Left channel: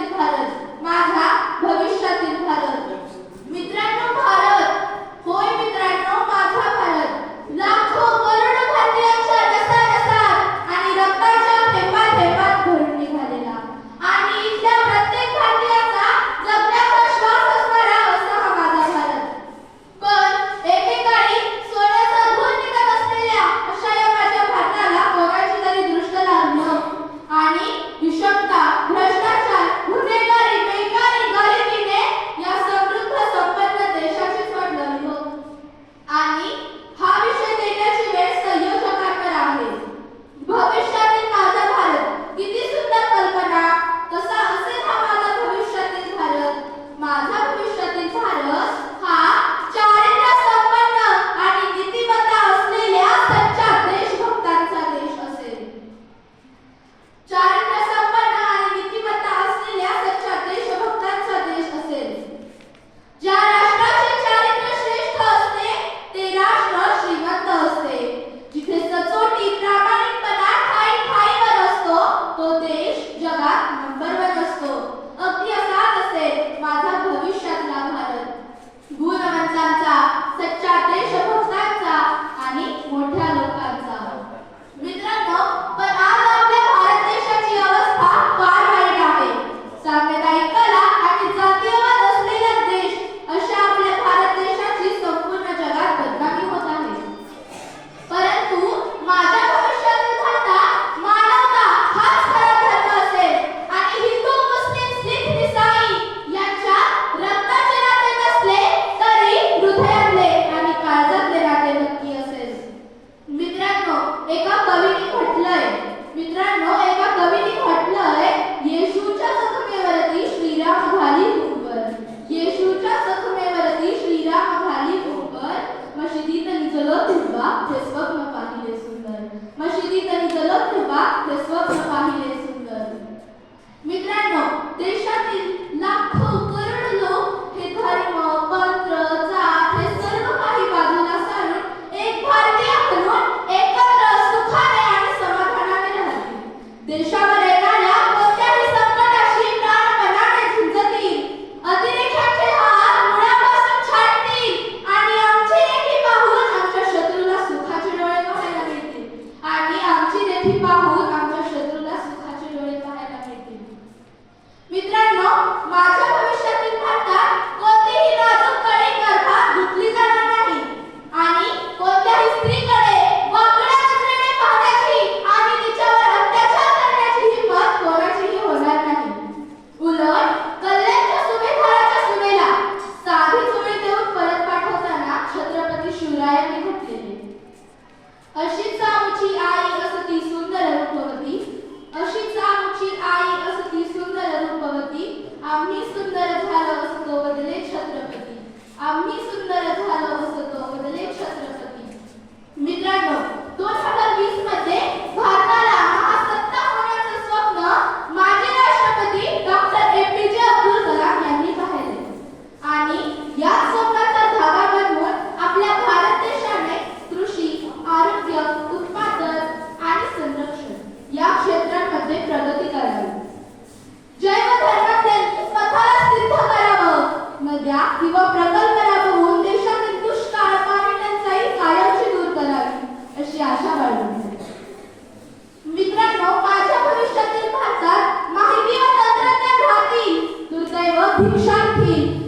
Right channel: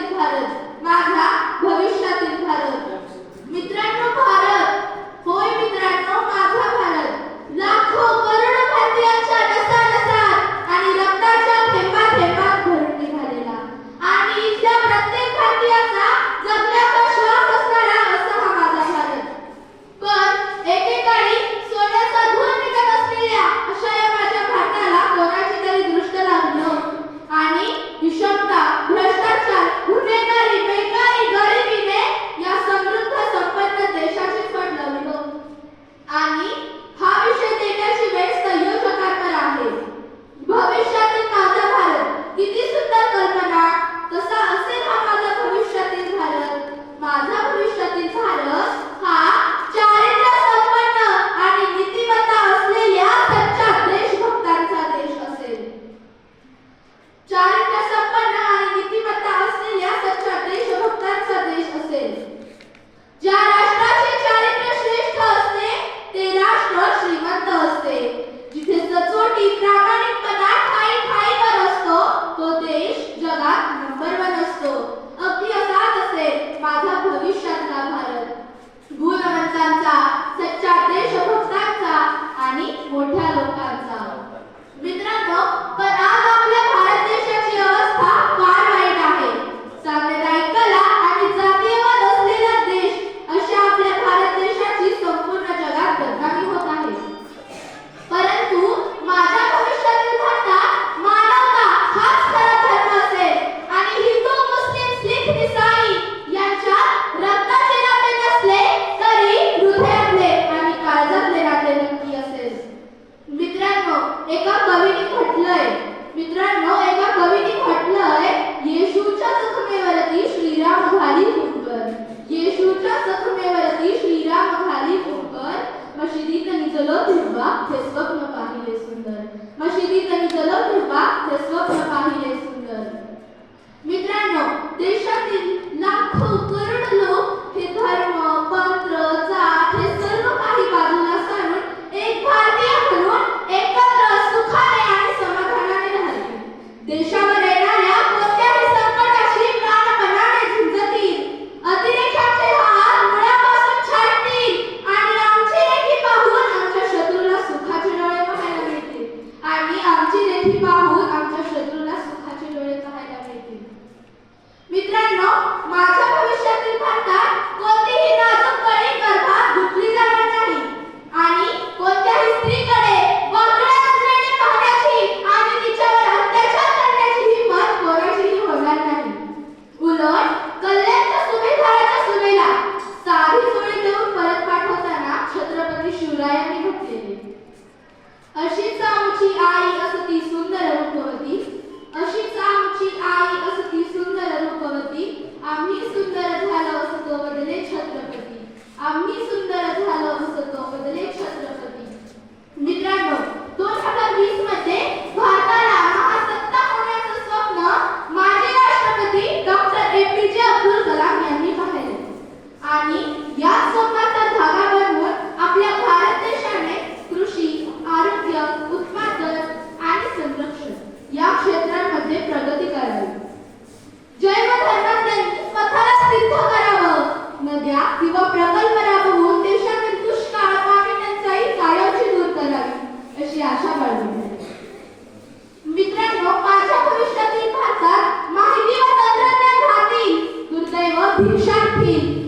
भारत. माझा भविष्यातील भारत. जगात नंबर वन असतो. अगदी Pinchar aqui.